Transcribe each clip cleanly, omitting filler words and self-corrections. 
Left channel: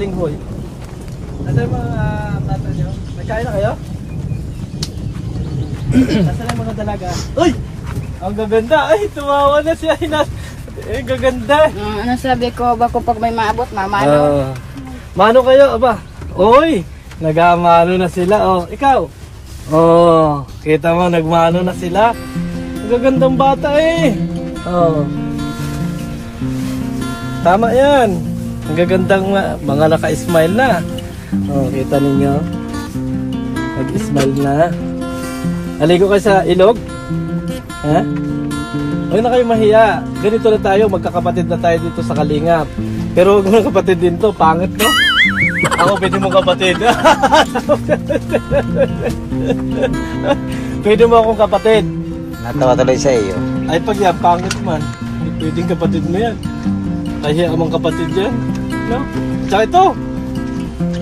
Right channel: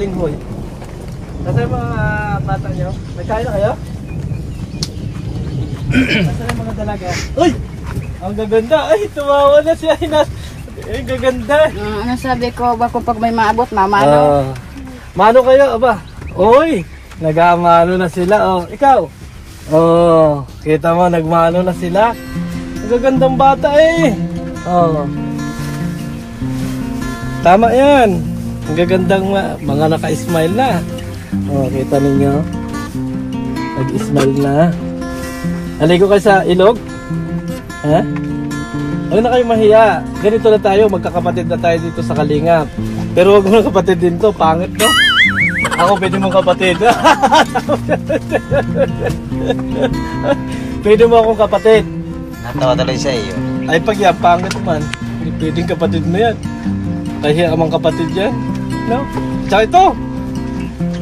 balinghoy. Nasaan yung mga bata nyo? May kain na kayo? Nasaan yung mga dalaga? Uy! Ang gaganda! Ay, tumawa na siya. Ay, gaganda! Ano sabi ko, bako pag may maabot, mama. Mano kayo, aba? Uy! Nagamano na sila, oh. Ikaw? Oh, kita mo, nagmano na sila. Ang gagandang bata eh. Oh. Tama yan. Ang gagandang mga naka-smile na. Oh, kita ninyo. Nag-smile na. Aligo kayo sa ilog? Ha? Huwag na kayo mahiya. Ganito na tayo, magkakapatid na tayo dito sa Kalingap. Pero huwag mo kapatid din to, pangit no? Ako, pwede mo kapatid. Pwede mo akong kapatid. Natawa tuloy sa iyo. Ay, pag yan, pangit man. Hindi pwedeng kapatid mo yan. Kaya amang kapatid yan. No? Tsaka ito.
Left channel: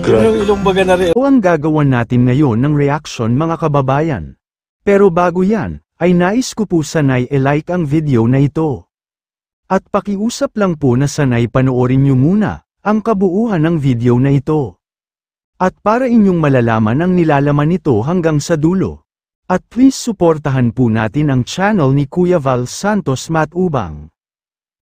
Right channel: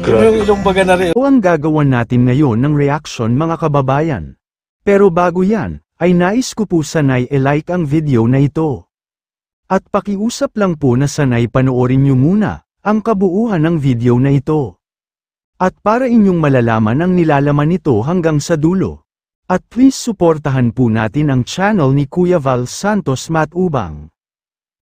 Yung ilong baga na rin. O ang gagawan natin ngayon ng reaction mga kababayan. Pero bago yan, ay nais ko po sanay i-like ang video na ito. At pakiusap lang po na sanay panoorin nyo muna ang kabuuan ng video na ito. At para inyong malalaman ang nilalaman nito hanggang sa dulo. At please suportahan po natin ang channel ni Kuya Val Santos Matubang,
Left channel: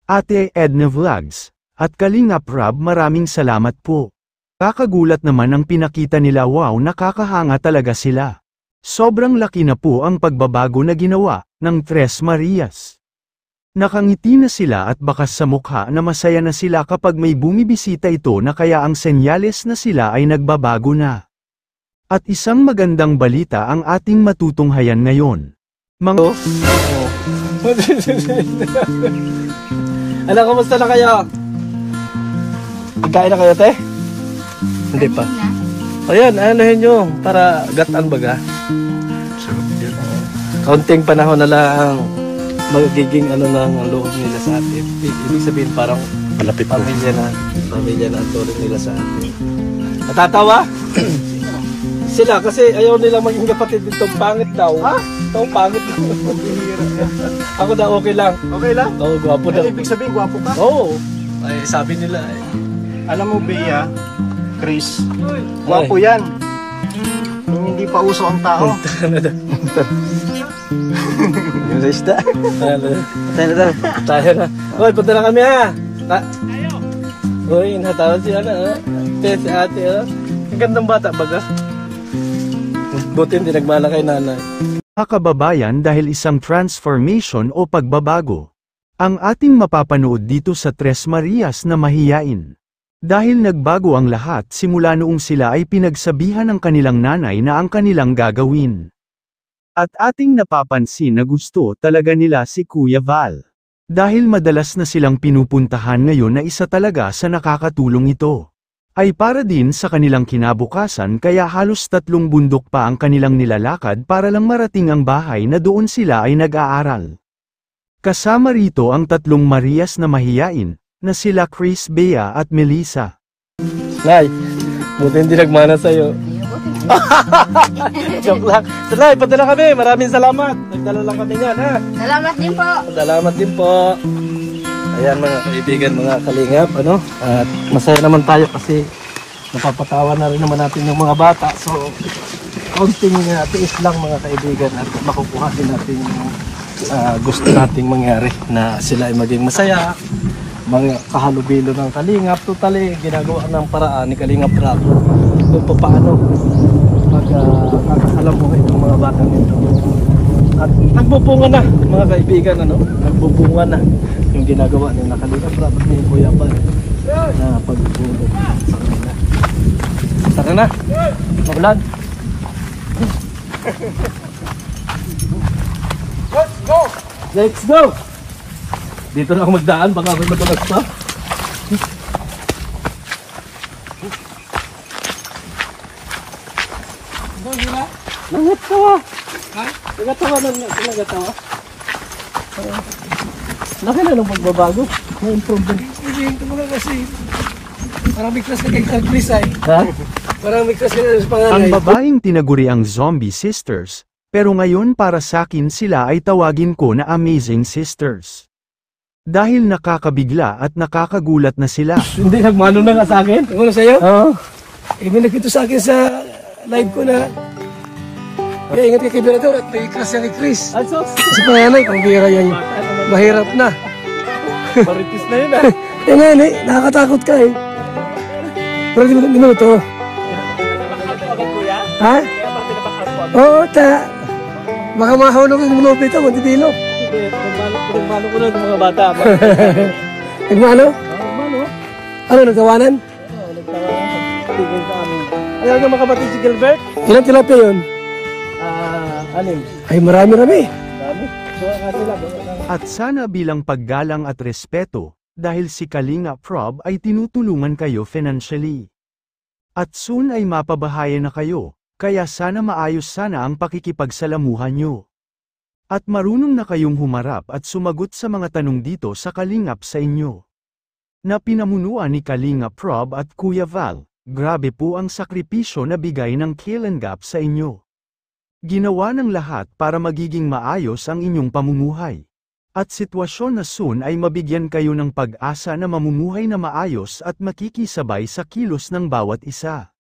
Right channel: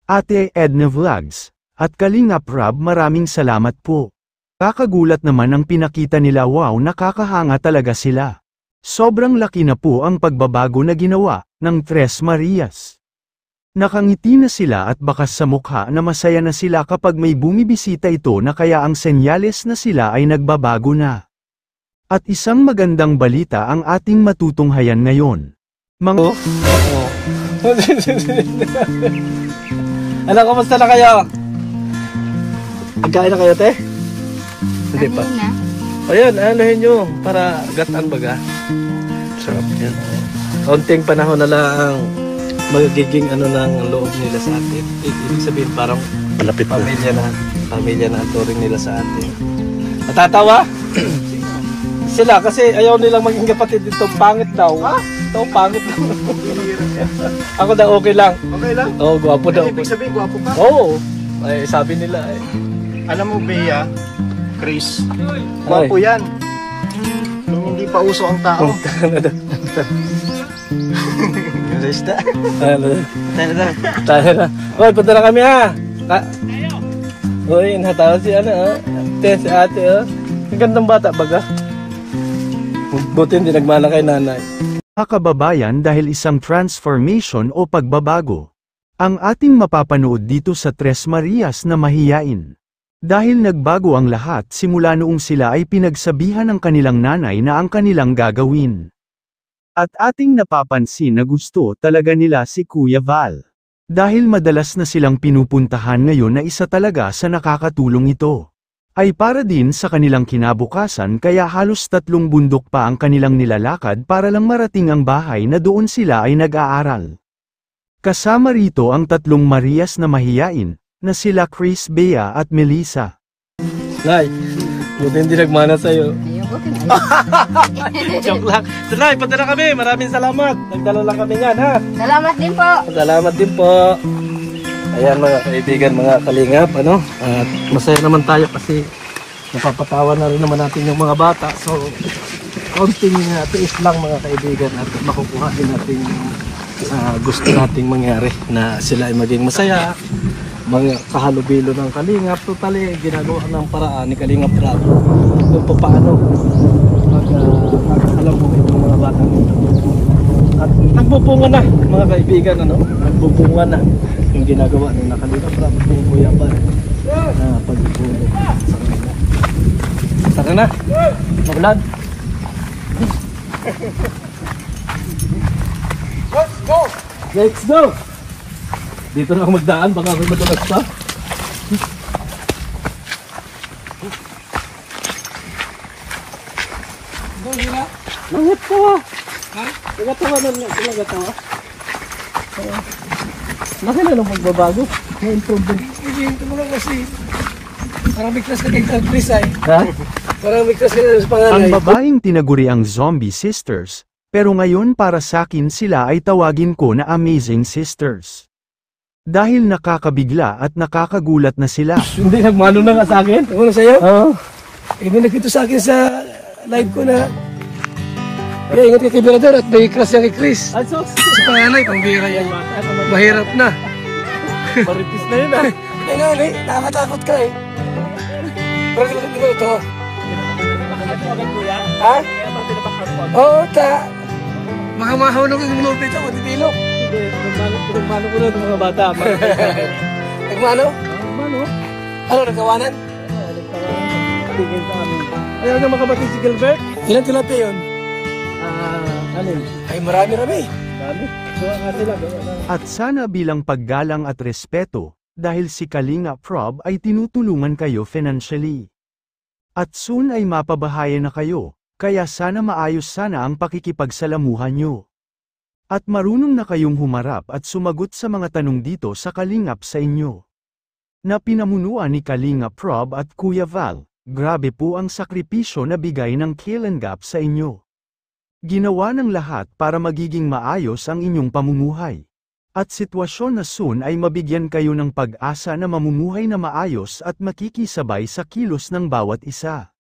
Ate Edna Vlogs, at Kalingap Rob, maraming salamat po. Kakagulat naman ang pinakita nila, wow, nakakahanga talaga sila. Sobrang laki na po ang pagbabago na ginawa ng Tres Marias. Nakangiti na sila at bakas sa mukha na masaya na sila kapag may bumibisita ito na kaya ang senyales na sila ay nagbabago na. At isang magandang balita ang ating matutunghayan ngayon. Ano, kamusta na kayo? Nagkain na kayo, te? Hindi pa. Na. Ayan, anahin nyo para gataan baga. Sarap yan. Kaunting panahon na lang magiging ano ng loob nila sa atin. Ibig sabihin parang Malapit na. Pamilya na ang turing nila sa atin. Natatawa? Sila kasi ayaw nilang maging kapatid dito. Pangit daw. Ito pangit. Ako daw okay lang. Okay lang? Oo, gwapo daw. Ibig sabihin, gwapo ka? Oo. Ay, sabi nila eh. Alam mo, Bea, Chris, gwapo yan. Nung hindi pa uso ang tao. English na. Tayo na daw. Tayo na. Well, punta na kami ha. Uy, natawa si si ate oh. Ang gandang bata baga. Buti hindi nagmana kay nanay. Mga kababayan, dahil isang transformation o pagbabago ang ating mapapanood dito sa Tres Marias na mahiyain. Dahil nagbago ang lahat simula noong sila ay pinagsabihan ng kanilang nanay na ang kanilang gagawin. At ating napapansin na gusto talaga nila si Kuya Val. Dahil madalas na silang pinupuntahan ngayon na isa talaga sa nakakatulong ito. Ay para din sa kanilang kinabukasan, kaya halos 3 bundok pa ang kanilang nilalakad para lang marating ang bahay na doon sila ay nag-aaral. Kasama rito ang 3 Marias na mahiyain, na sila Chris, Bea at Melissa. Nay, buti hindi nagmana sa'yo. Ayaw, buti na ayaw. Joke lang. So, Nay, punta na kami. Maraming salamat. Nagdala lang kami yan, ha? Salamat din po. Salamat din po. Ayan mga kaibigan, mga kalingap, ano? At masaya naman tayo kasi napapatawa na rin naman natin yung mga bata. So, kaunting tiis lang mga kaibigan at makukuha din natin yung gusto nating mangyari na sila ay maging masaya. Mga kahalubilo ng Kalingap, totally ginagawa ng paraan ni Kalingap Rob kung paano mag-alamuhin ng mga batang ito. At nagbubunga na mga kaibigan, ano? Nagbubunga na yung ginagawa ni Kalingap Rob at ni Kuya Val na pagbubunga sa kanila. Tara na, maulan. Let's go! Let's go! Dito na ako magdaan, baka ako madalas pa. Nangatawa. Ha? Nangatawa na niya. Nangatawa. Laki na ng pagbabago. May improvement. Hindi, ito mo lang kasi. Parang may class na kay Chris ay. Ha? Parang may class na sa panganay. Ang babaeng tinaguri ang Zombie Sisters, pero ngayon para sa akin sila ay tawagin ko na Amazing Sisters. Dahil nakakabigla at nakakagulat na sila. Hindi, nagmano na nga sa akin. Ano sa'yo? Oo. May nagkito sa akin sa live ko na kaya ingat kay Kibirador at may crush niya kay Chris. Ay, sos? Sa panganay, pambira yan. Mahirap na. Maritis na yun ah. Eh ngayon eh, nakakatakot ka eh. Pero di mo minuto. Ha? Oo, kaya baka mahulog yung minuto ito, magdibilo. Nagmano ko na ng mga bata. Nagmano? Nagmano. Ano, nagkawanan? Oo, nagkawanan. Tigil sa amin. Ayaw na mga kapatid si Gilbert? Ilan tilapia yun? Anim. Ay, marami-rami. Marami. At sana bilang paggalang at respeto, dahil si Kalinga Prob ay tinutulungan kayo financially. At soon ay mapabahayan na kayo, kaya sana maayos sana ang pakikipagsalamuhan nyo. At marunong na kayong humarap at sumagot sa mga tanong dito sa Kalingap sa inyo. Na pinamunuan ni Kalinga Prob at Kuya Val, grabe po ang sakripisyo na bigay ng Kalingap sa inyo. Ginawa ng lahat para magiging maayos ang inyong pamumuhay. At sitwasyon na soon ay mabigyan kayo ng pag-asa na mamumuhay na maayos at makikisabay sa kilos ng bawat isa.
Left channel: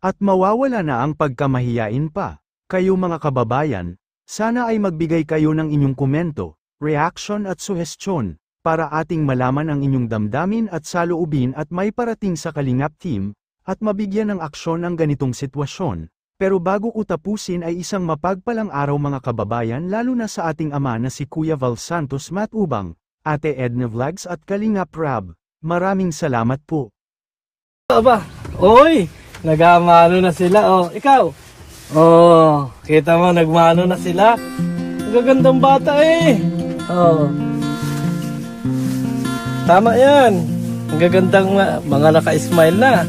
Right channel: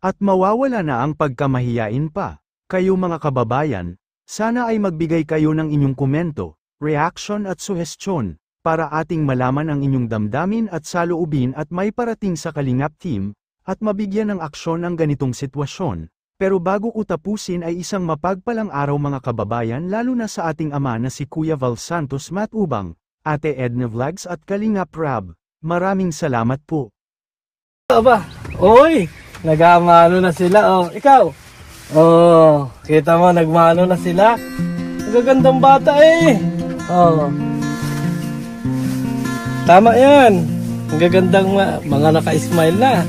At mawawala na ang pagkamahiyain pa. Kayo mga kababayan, sana ay magbigay kayo ng inyong komento, reaction at suhestyon, para ating malaman ang inyong damdamin at saloobin at may parating sa Kalingap team, at mabigyan ng aksyon ang ganitong sitwasyon. Pero bago ko tapusin ay isang mapagpalang araw mga kababayan lalo na sa ating ama na si Kuya Val Santos Matubang, Ate Edna Vlogs at Kalingap Rab. Maraming salamat po. Aba, oy, nagmano na sila. Oh, ikaw. Oh, kita mo, nagmano na sila. Nagagandang bata eh. Oh. Tama yan. Ang gagandang mga naka-smile na.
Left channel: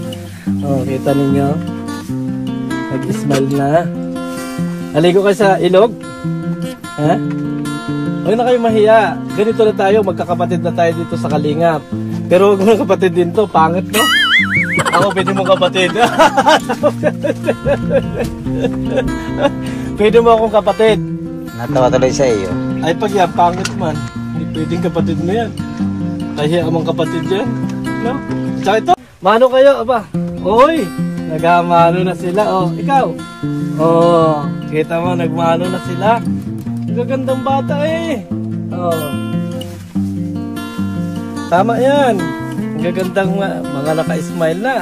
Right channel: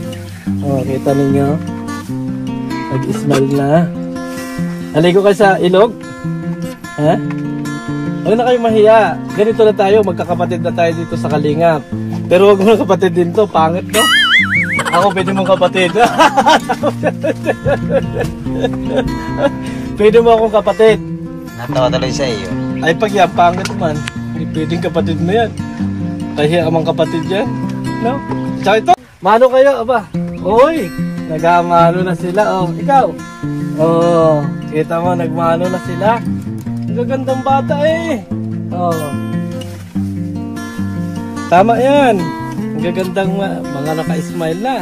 Oh, kita ninyo. Nag-smile na. Aligo kayo sa ilog? Ha? Huwag na kayo mahiya. Ganito na tayo, magkakapatid na tayo dito sa Kalingap. Pero huwag mo kapatid din to, pangit no? Ako, pwede mong kapatid. Pwede mo akong kapatid. Natawa tuloy sa iyo. Ay, pag yan, pangit man. Hindi pwedeng kapatid mo yan. Kahiya ka mang kapatid yan. No? Tsaka ito, mano kayo, aba. Oy! Nagmano na sila. Oh, ikaw. Oh, kita mo, nagmano na sila. Ang gagandang bata eh. Oh. Tama yan. Ang gagandang mga naka-smile na.